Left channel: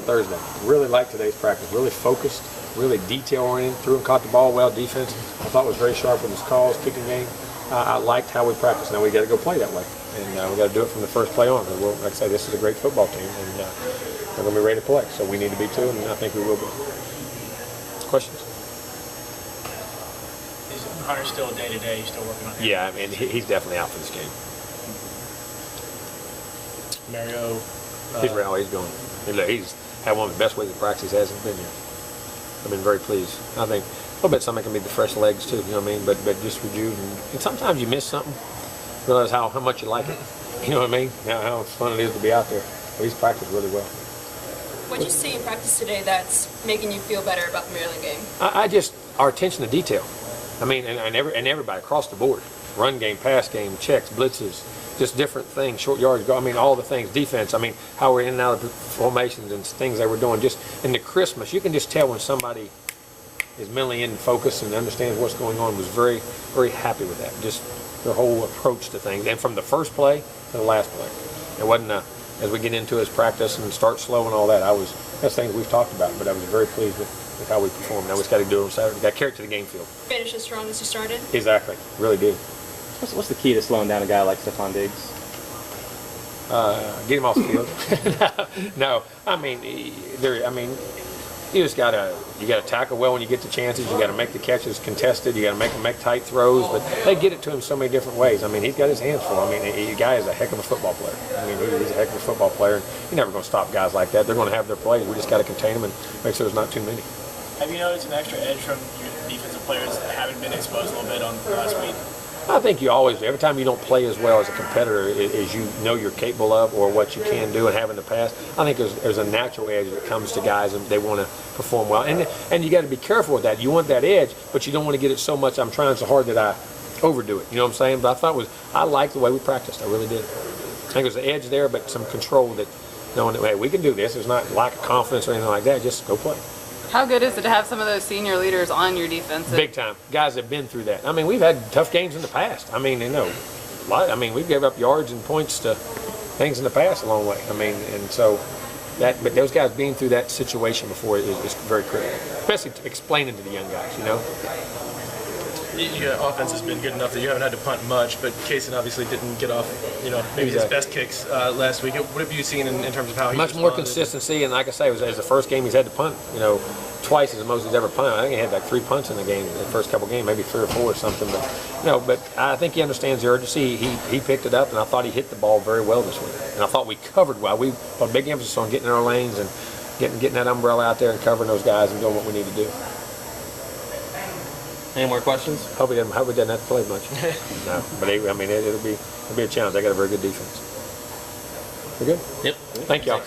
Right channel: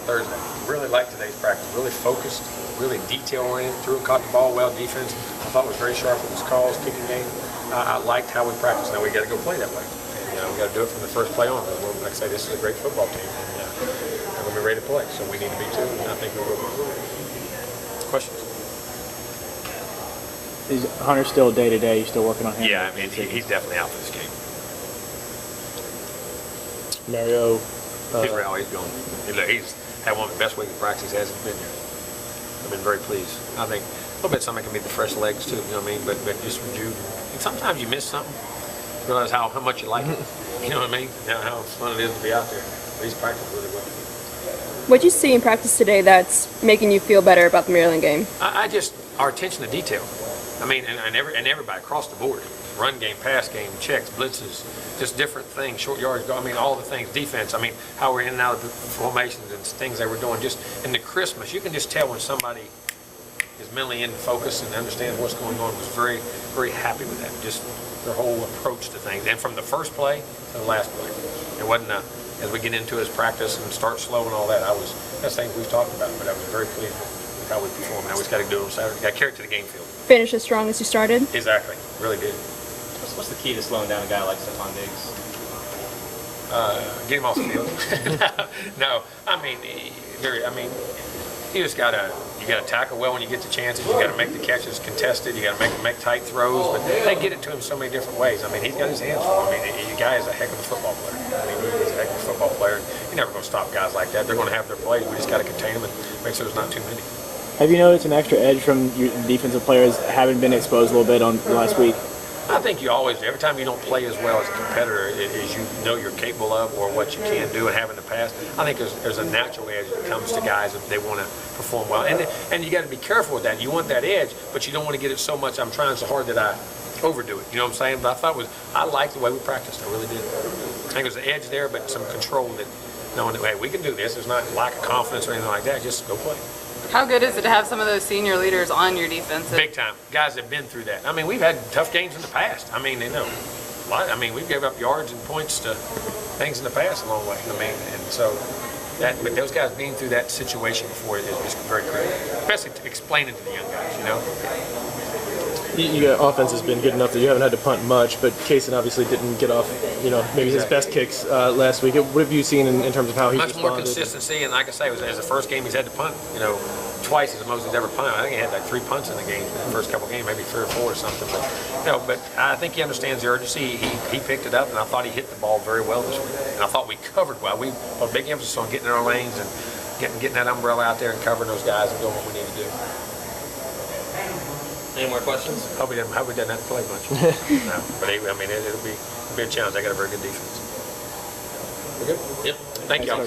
Thursday. Really liked today's practice. Really focused, really detail-oriented. Threw and caught the ball well. Defense, I thought, was very sharp with his calls, kicking game. I liked how we practiced. Now we got to go play that way, and we got to do it from the first play on. Because like I say, this is a great football team, and they're going to be ready to play. So we need to be too, and I think we will be. Questions? Is Hunter still day to day? You still working on him? Yeah, I mean he's definitely out for this game. Mario. He's going. He's had one of the best weeks of practice he hasn't been here. I've been very pleased. I think a little bit something can be the fresh legs too. You know what I mean? But just rejuvenate. And sometimes you miss something. Realize how much you like it. You know what I mean? How fun it is to be out there. But he's practiced really well. What did you see in practice today that's making you feel better about the Maryland game? I just our attention to detail. I mean, and everybody across the board. Run game, pass game, checks, blitzes, just different things, short yards. I mean, all the things. Defense. I mean, how we're in and out of the formations and things they were doing. Just in the crispness, you can just tell when somebody is mentally in focus and understands what's going on. Was very, very happy with that. Just their whole approach to things, and from the first play to the last play, it wasn't as we get into his practice and start slow and all that. That's things we've talked about, but I was very pleased with how we performed. Now we just got to do it on Saturday. Got to carry it to the game field. Finish as strong as you started? Exactly. Really did. What's the key to slowing down a guy like Stephon Diggs? Get him off the field. No, I mean, you just gotta tackle well when you get the chances. You gotta make the catches contested. You gotta make tight throws. But they get it to him so many different ways. I mean, he's got his hands full. I mean, the guy is a heck of a football player. I mean, he's a heck of a football player. And you're never going to stop guys like that. They're going to have their plays. We just got to contain them and make sure there's not too many. Have you noticed an extra edge from your defensive players having been exposed a little bit on the last week? I think you always, every time you don't play as well as a competitor as you know you're capable of or what you can do and have in the past, I think there's a natural edge that comes to guys and they want to perform well. And you got to be careful with that. You want that edge, but you don't want to get it so much, I'm trying so hard that I overdo it. You know what I'm saying? But I liked the way we practiced. I really did. I think there's an edge there, but some control that knowing that, hey, we can do this. It's not lack of confidence or anything like that. Just go play. How good is it to have some of those senior leaders on your defense? Big time. Guys have been through that. I mean, we've had tough games in the past. I mean, we gave up yards and points to things in the past a long way. I mean, and so but those guys being through that situation before is very critical, especially explaining to the young guys, you know. Your offense has been good enough that you haven't had to punt much, but Kaysen obviously didn't get off, maybe his best kicks last week. What have you seen in terms of how he's much more consistency? And like I say, it was the first game he's had to punt, twice as the most he's ever punted. I think he had like 3 punts in the game in the first couple games, maybe 3 or 4 or something. But I think he understands the urgency. He picked it up, and I thought he hit the ball very well this week. And I thought we covered well. We put a big emphasis on getting in our lanes and getting that umbrella out there and covering those guys and doing what we need to do. Any more questions? Hope he doesn't have to play much. No, but it'll be a challenge. They got a very good defense. We good? Yep. Thank y'all.